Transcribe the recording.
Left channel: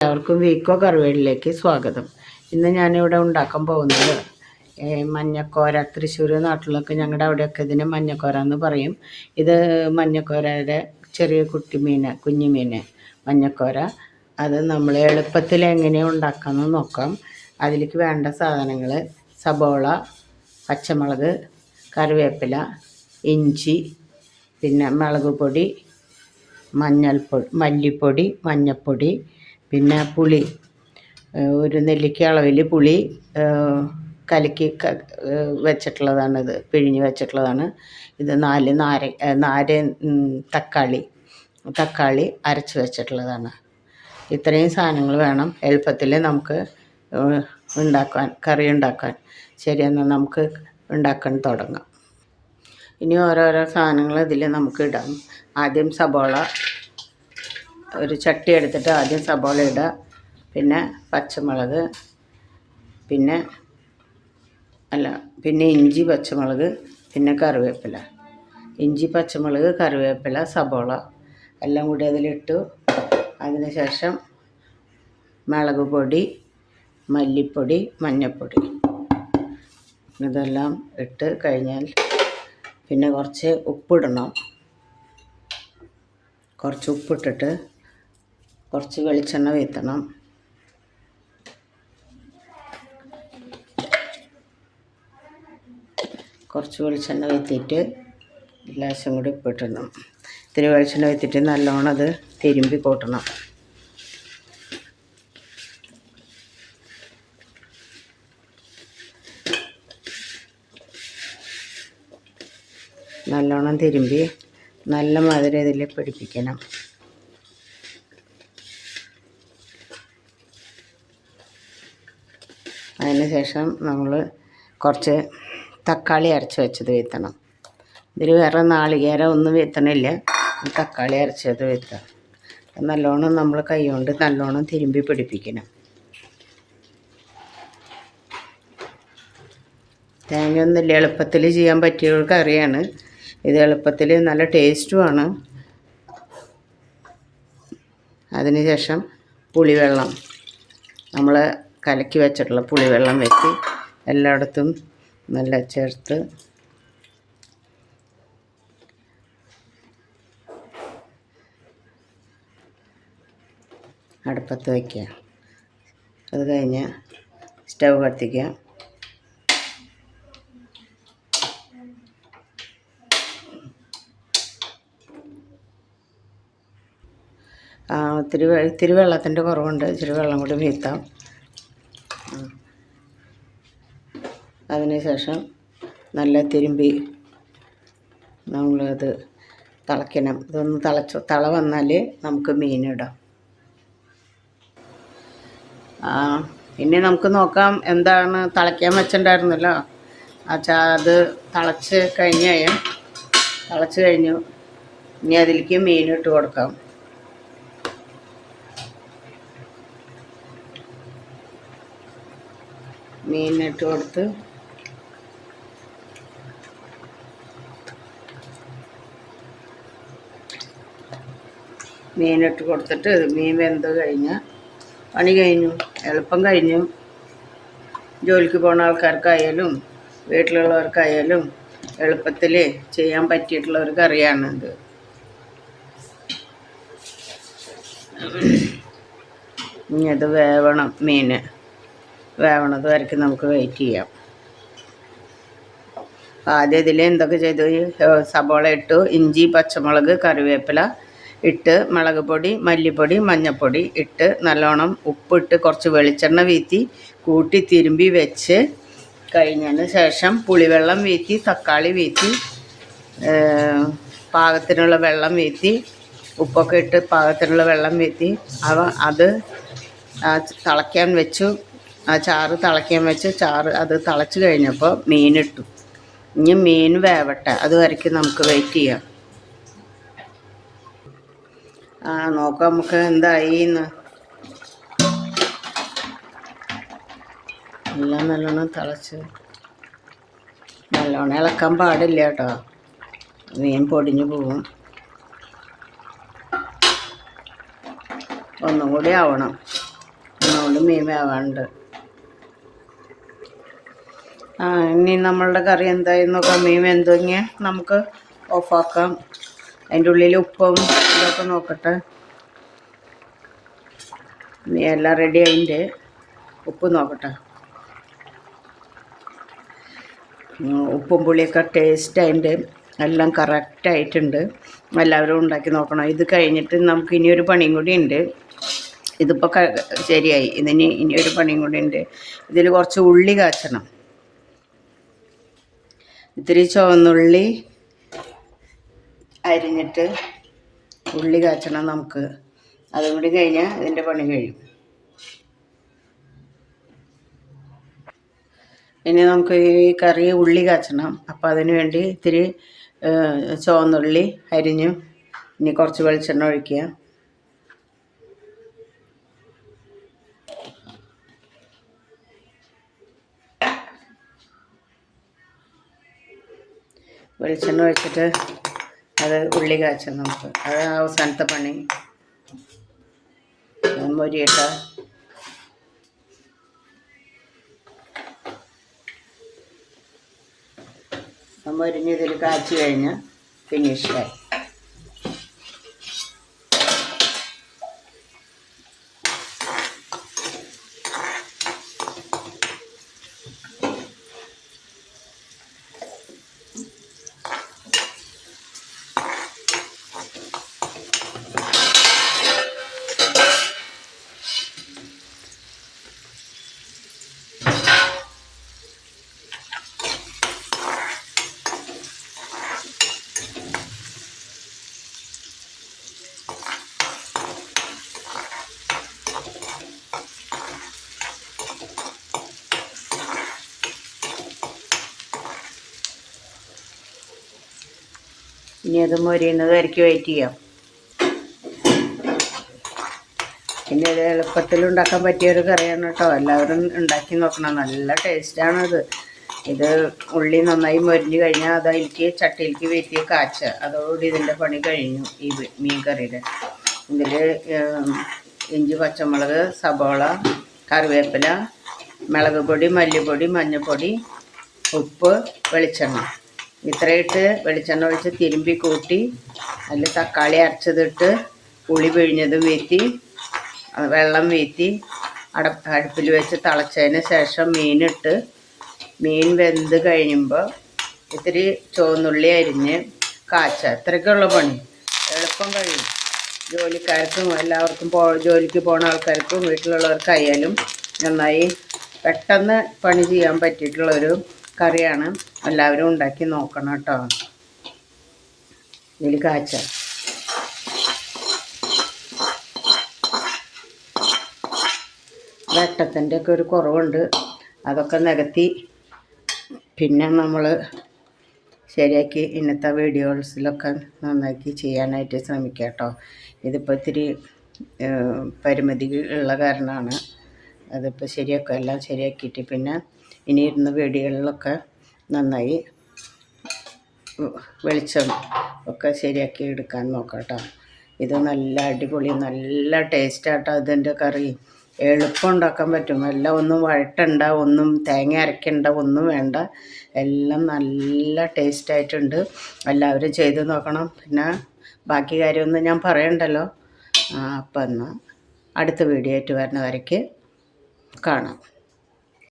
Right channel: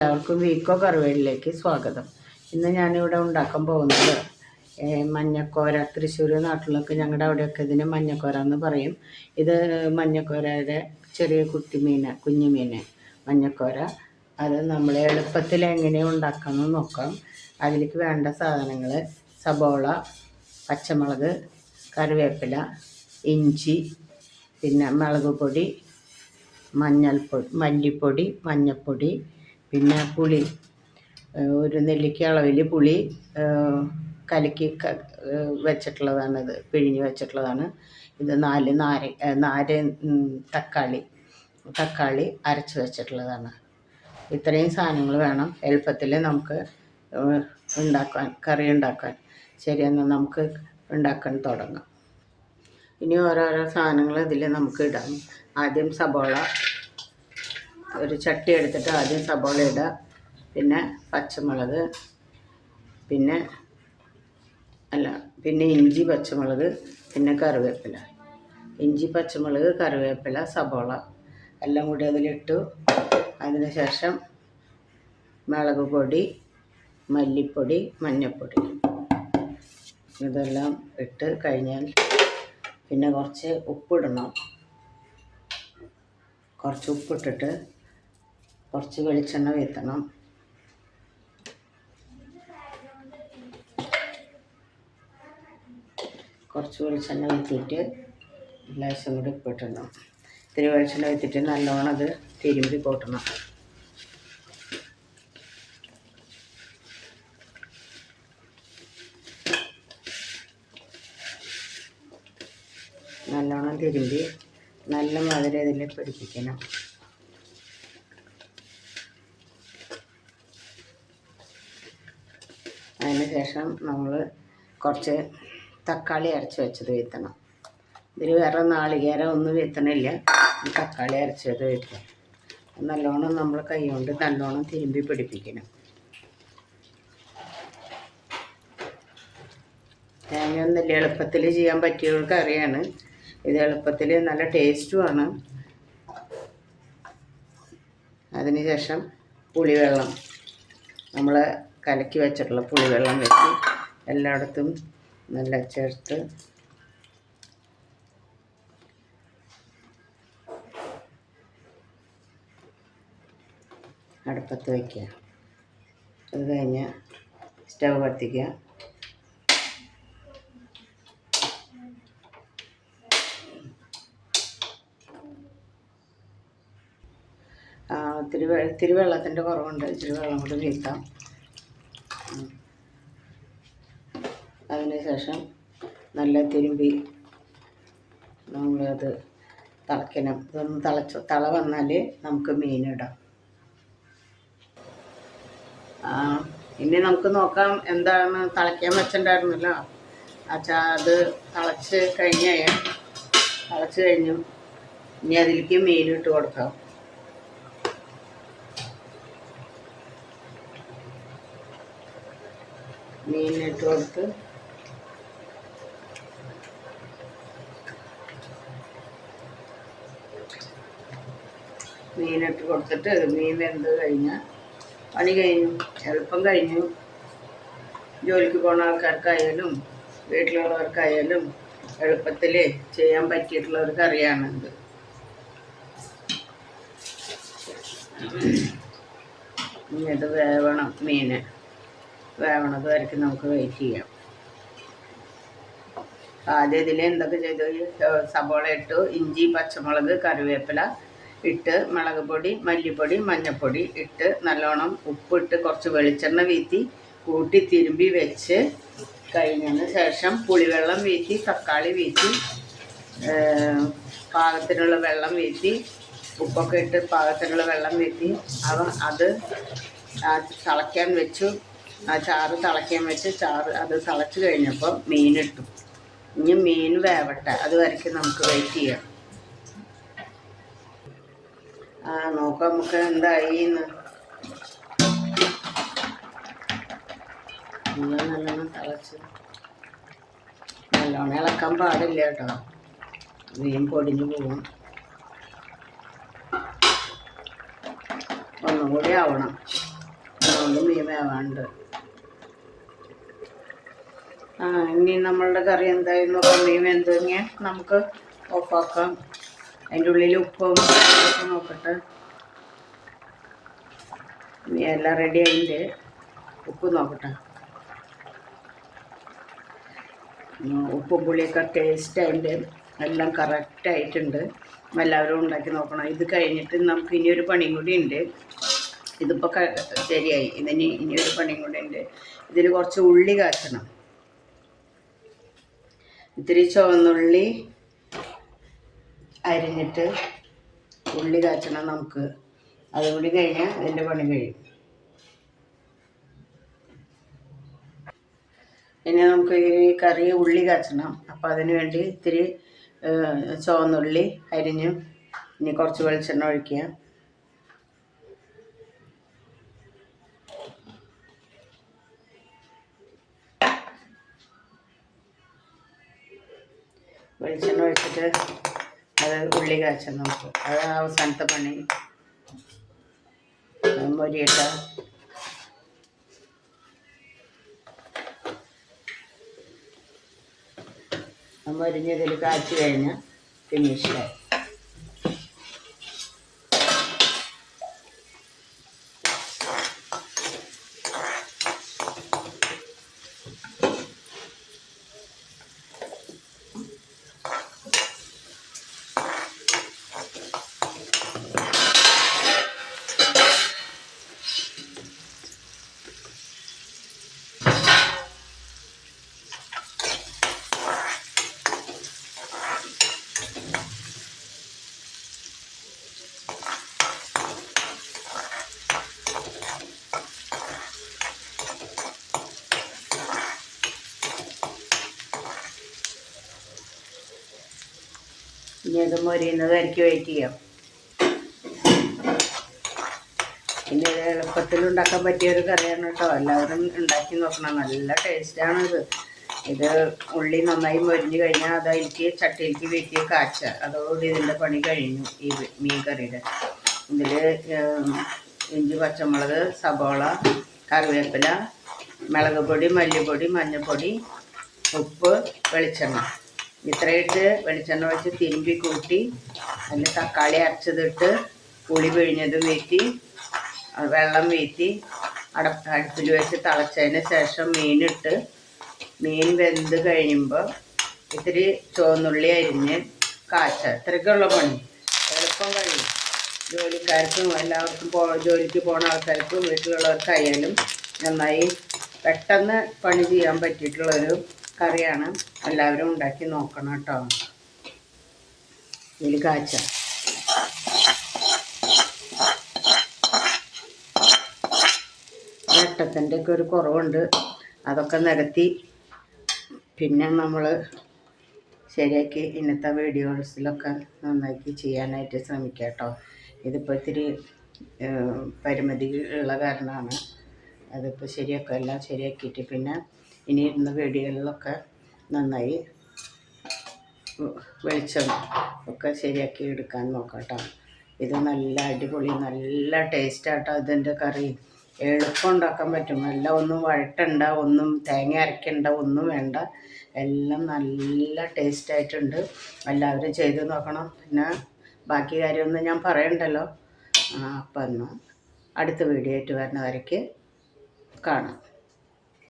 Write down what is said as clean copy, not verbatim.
എല്ലാവർക്കും വീക്കോ കറിവേലിലേക്ക് സ്വാഗതം. ഇന്ന് ഞാനിവിടെ ഉണ്ടാക്കാൻ പോകുന്നത് മഞ്ഞക്കോര. തൃശ്ശൂർ നാട്ടിലൊക്കെ ഞങ്ങളുടെ അവിടെയൊക്കെ ഇതിന് മഞ്ഞക്കോര എന്ന് പറയും. ഇത് മഞ്ഞക്കോരയുടെ ചെറിയ കുഞ്ഞു മീൻ മഞ്ഞക്കോര. അത് നമ്മൾ എളുപ്പത്തിൽ എങ്ങനെ ഉണ്ടാക്കാമെന്ന് നോക്കാം. അതിലേക്ക് വേണ്ട സാധനങ്ങൾ: സബോള, പച്ചമുളക്, കറിവേപ്പില, ഇഞ്ചി, പിന്നെ മുളക് പൊടി, മല്ലിപ്പൊടി, മഞ്ഞൾപ്പൊടി, പിന്നെ പുളി, ഒരു നെല്ലിക്ക അളവിൽ പുളി കലക്കി വെച്ചിട്ടുള്ളതാണിത്, പിഴിഞ്ഞ് വെച്ചിട്ടുള്ളതാണ്. ഇത് 4 തക്കാളി അരച്ച് വെച്ചിട്ടുള്ളതാണ്. ഇത്രയും സാധനങ്ങൾ വേണം എളുപ്പത്തിൽ നമുക്ക് കറി ഉണ്ടാക്കാൻ. ശരി, എന്നാൽ നമുക്ക് ഉണ്ടാക്കാൻ തുടങ്ങാം. ഇനി ഓരോരോ സാധനങ്ങൾ ഇതിൽ നമുക്ക് ഇടാം. ആദ്യം സബോള, ഒരു ചട്ടി എടുത്തിട്ട് ആദ്യം സബോള ഇടുക, പിന്നെ പച്ചമുളക്, പിന്നെ ഇഞ്ചി, പച്ചമുളക്, പിന്നെ കറിവേപ്പില. ഇഞ്ചി, പച്ചമുളക്, കറിവേപ്പില, സബോള എല്ലാം കൂടി അതിലിട്ടു. അതിന് ശേഷം മുളക് പൊടി, മല്ലിപ്പൊടി, മഞ്ഞൾപ്പൊടി ഇതെല്ലാം ഇട്ട് കഴിഞ്ഞാൽ പിന്നെ കുറച്ച് ഉപ്പിടണം. കുറച്ച് ഉപ്പിട്ടിട്ട് കുറച്ച് വെളിച്ചെണ്ണ വീത്തണം. കുറച്ച് വെളിച്ചെണ്ണ വീത്തിയിട്ട് ലേശം കൂടി ഉപ്പിട്ടണം. ഇത്തിരി വെളിച്ചെണ്ണ വീത്തിയിട്ട് നല്ലോണം അത് തിരുമ്പി കൂട്ടണം. നല്ലോണം തിരുമ്പി നല്ല മാതിരി ഇതിൽ പിടിപ്പിക്കണം. അതിന് ശേഷം നമ്മൾ കുറച്ച് തക്കാളി അരച്ച് വെച്ചത് വീത്തണം. ഇതിൽ വേറെ നാളികേരം ഒന്നും വീത്തണില്ല, തക്കാളി അരച്ചത് വീത്തണം. നല്ലോണം നമ്മൾ കൈ കൊണ്ട് നല്ലോണം തിരുമ്പി പിടിപ്പിക്കണം. തേങ്ങയൊന്നുമില്ല, എളുപ്പത്തിൽ ചെയ്യാൻ പറ്റിയ ഒരു കറിയാണ് ഇത്. എളുപ്പത്തിൽ നല്ല ടേസ്റ്റുമാണ്. അതിനുശേഷം പുളിവെള്ളം, നമ്മൾ കലക്കി വെച്ചിട്ടുള്ള പുളിവെള്ളം വെച്ച് എല്ലായിടത്തും നല്ല ചേർത്ത് അടുപ്പത്ത് വയ്ക്കുക. അത് കഴിഞ്ഞ് സ്റ്റൗ കത്തിക്കുക. ഇത്തിരി വെള്ളത്തിൻ്റെ കുറവുണ്ട്, ഇച്ചിരി വെള്ളം കൂടി വീഴ്ത്താം. അതിനുശേഷം നല്ല തിരുമ്പി നമ്മളത് തിളയ്ക്കണം. ഇതൊന്ന് തള വന്നാൽ നമുക്ക് മീനിടാം. ഇനി നമുക്ക് നോക്കാം എന്താണ് തിളയ്ക്കാൻ വെച്ചിട്ടുണ്ടായിരുന്നല്ലോ. അത് തിളച്ച് കഴിഞ്ഞു. ഇനി അതിലേക്ക് മീനിട്ട് കൊടുക്കാം. മീനിട്ട് കൊടുത്ത് കൊടുത്തിട്ട് മീൻ വെന്ത് കഴിഞ്ഞാൽ പണി കഴിഞ്ഞു, എളുപ്പം കഴിഞ്ഞു. ജോലിക്ക് പോകുന്ന ആൾക്കാർക്കായാലും വീട്ടിലുള്ളവർക്കായാലും എളുപ്പത്തിൽ ചെയ്യാൻ പറ്റിയിട്ടുള്ള ഒരു കറിയാണിത്. ഇനി അത് വേവണം. മീൻ വേവണത് വരയ്ക്ക് നമുക്ക് വെയിറ്റ് ചെയ്യാം. ആദ്യം ഇതിൽ എന്തൊക്കെ ചെയ്തു: സബോള ഇട്ടു, ഇഞ്ചി, പച്ചമുളക്, കറിവേപ്പില ഇട്ട്, മുളക് പൊടി, മല്ലിപ്പൊടി, മഞ്ഞൾപ്പൊടി ഇട്ട്, നല്ലോണം ഉപ്പിട്ട്, കുറച്ച് വെളിച്ചെണ്ണ വീത്തി കൂട്ടി തിരുമ്പി വെച്ച് കഴിഞ്ഞതിന് ശേഷം പുളിവെള്ളം വീത്തി, തക്കാളി വീത്തി, പാകത്തിനുള്ള വെള്ളം വീത്തി, ഉപ്പൊക്കെ ഇട്ട് പാകത്തിനുള്ള വെള്ളം വീത്തി അത് തിളയ്ക്കാൻ വെച്ചു. ചാറ് തിളയ്ക്കാൻ വെച്ച് അത് തിളച്ച് കഴിഞ്ഞപ്പോൾ മീനിട്ടു. ഇനി മീൻ വേവട്ടെ, അതുവരയ്ക്ക് നമുക്ക് വെയിറ്റ് ചെയ്യാം. നോക്കാം നമുക്ക് എന്തായി എന്ന്. എല്ലാം നല്ലോണം തിളച്ച്, നല്ലോണം ഇളക്കാൻ പാടില്ല കേട്ടോ, മീൻ പൊടിഞ്ഞു പോകും. ഒന്നും കൂടി ആവണം. അതുകൊണ്ട് മീൻ വേവാണ്ട്. ഇനി നമ്മളുടെ കറി എന്തായെന്ന് നോക്കാം. മീൻ വെന്തുകഴിഞ്ഞാൽ നമുക്ക് ഓഫാക്കാം. അതിൻ്റെ ഉള്ളിൽ ഉപ്പും ഇതൊക്കെ നോക്കട്ടെ. എല്ലാം റെഡി അതിൻ്റെ ഉപ്പ് നോക്കട്ടെ. ഉപ്പും പുളിയൊക്കെ ടേസ്റ്റ് അതിൻ്റെ എല്ലാം കറക്റ്റായിട്ടുണ്ട്. എല്ലാവരും ഉണ്ടാക്കി നോക്കണം. ഇത് കഴിഞ്ഞിട്ട് നമുക്ക് ഇനിയൊരു പണിയും കൂടി ഉണ്ട്. ഇതിപ്പോൾ ശരിയായി. ഇനിയൊരു പണിയും കൂടി ഉണ്ട്. ഇതിൽ കുറച്ച് ഉള്ളി കാച്ചണം. ഇത്തിരി ചുവന്നുള്ളി അരിഞ്ഞിട്ട് ഉള്ളി കാച്ചണം നമുക്ക്. അതും കൂടി കഴിഞ്ഞാൽ ഇതിൻ്റെ പണി കഴിയും. ഇനി നമുക്ക് ഈ കറി ഉള്ളി കാച്ചണം. അപ്പോൾ അതിന് വേണ്ടി ഇത്തിരി ചുവന്നുള്ളി അരിഞ്ഞു. ഇനി കുറച്ച് വെളിച്ചെണ്ണ ഒഴിക്കുക. വെളിച്ചെണ്ണ ഒഴിച്ചിട്ട് അത് ഉള്ളി കാച്ചാം നമുക്ക്. അത് അവസാനത്തെ പണി. മൊരിയിട്ട മൊരിഞ്ഞതിൽ കാച്ചി കഴിഞ്ഞാൽ ഫിനിഷായി. ഇനി അത് മൊരിയുന്നത് വരയ്ക്ക് വെയിറ്റ് ചെയ്യാം. പിന്നെ ഇത് എളുപ്പത്തിൽ ഉണ്ടാക്കാൻ പറ്റിയൊരു കറിയാണ് കേട്ടോ. എല്ലാവരും ഉണ്ടാക്കി നോക്കണം. നല്ല ടേസ്റ്റാണിത്. ഇത് ഉള്ളി നന്നായി മൊരിഞ്ഞ് കഴിഞ്ഞാൽ അതിലേക്ക് ചട്ടിയിലേക്ക് വീട്ടിൽ കാച്ചുക. അതോടുകൂടി ഇതിൻ്റെ പണി കഴിഞ്ഞു. ഈ മീൻ കറിയുടെ ഇതിൽ ഇഞ്ചി, പച്ചമുളക്, സബോള, കറിവേപ്പില, മുളക് പൊടി, മല്ലിപ്പൊടി, മഞ്ഞൾപ്പൊടി, ഉപ്പ്, വെളിച്ചെണ്ണ ഇത്രയിട്ട് വെളിച്ചെണ്ണ ഒഴിച്ച് തിരുമ്പി കൂട്ടി അതിൽ തക്കാളി അരച്ചതിട്ട് പുളി പിഴിഞ്ഞത് വീത്തി വെള്ളം വീത്തി അടുപ്പിൽ വെച്ച് തിളച്ചതിന് ശേഷം മീനിട്ട് മീൻ വെന്ത് കഴിയുമ്പോൾ ഇത്തിരി ചുവന്നുള്ളി അരിഞ്ഞ് കാച്ചുക. ഇത്രയ്ക്കുള്ള പണി. എളുപ്പം കഴിയും. ജോലിക്കാർക്കും എല്ലാവർക്കും ജോലിക്ക് പോകുന്ന ആൾക്കാർക്കും വീട്ടിലുള്ളവർക്കായാലും നന്നായി പെട്ടെന്ന് പണി ചെയ്യാൻ പറ്റിയിട്ടുള്ളൊരു കറിയാണ്. എല്ലാവരും ഉണ്ടാക്കി നോക്കണം കേട്ടോ. ഇതിൽ കാച്ച വെട്ടത്തിൻ്റെ ഒക്കെ ഒരു കുറവുണ്ട്. അതൊക്കെ നികത്തി പിന്നെ നമ്മൾ ശരിയാക്കി ഇന്നത്തെ വീഡിയോസിലൊക്കെ നന്നാക്കി ചെയ്യാനായിട്ട് ശ്രമിക്കുക കേട്ടോ. ഇതിപ്പോൾ ഇത്തിരി പരിമിതി ഉള്ള കാരണമാണ്. അതിപ്പോൾ ശരിയാക്കുക. എല്ലാം ശരിയാക്കിയിട്ട് പിന്നെ ഇനി ഇരുന്ന വീഡിയോകളിലൊക്കെ നന്നായി വെളിച്ചം ഒക്കെ ശരിയാക്കി എടുക്കാൻ നോക്കാം കേട്ടോ. ഇത് നല്ല അടിപൊളി നല്ല ടേസ്റ്റാട്ടോ ഇതിൻ്റെ കറി. എളുപ്പം ഉണ്ടാക്കാൻ പറ്റും. എല്ലാം ഒന്നും വഴട്ടണ്ട, ഒന്നും തേങ്ങ അരയ്ക്കണ്ട, ഒന്നും വേണ്ട. എല്ലാം നല്ല ടേസ്റ്റായിട്ടുണ്ട്. എല്ലാവരും ചെയ്ത് നോക്കണം. പിന്നെ ബാക്കി കാര്യമൊന്നും ഞാൻ പറയണ്ടല്ലോ. അപ്പം എന്നാൽ അടുത്ത വീഡിയോ ആയിട്ട് വരുന്ന വരയ്ക്ക് കാണാം.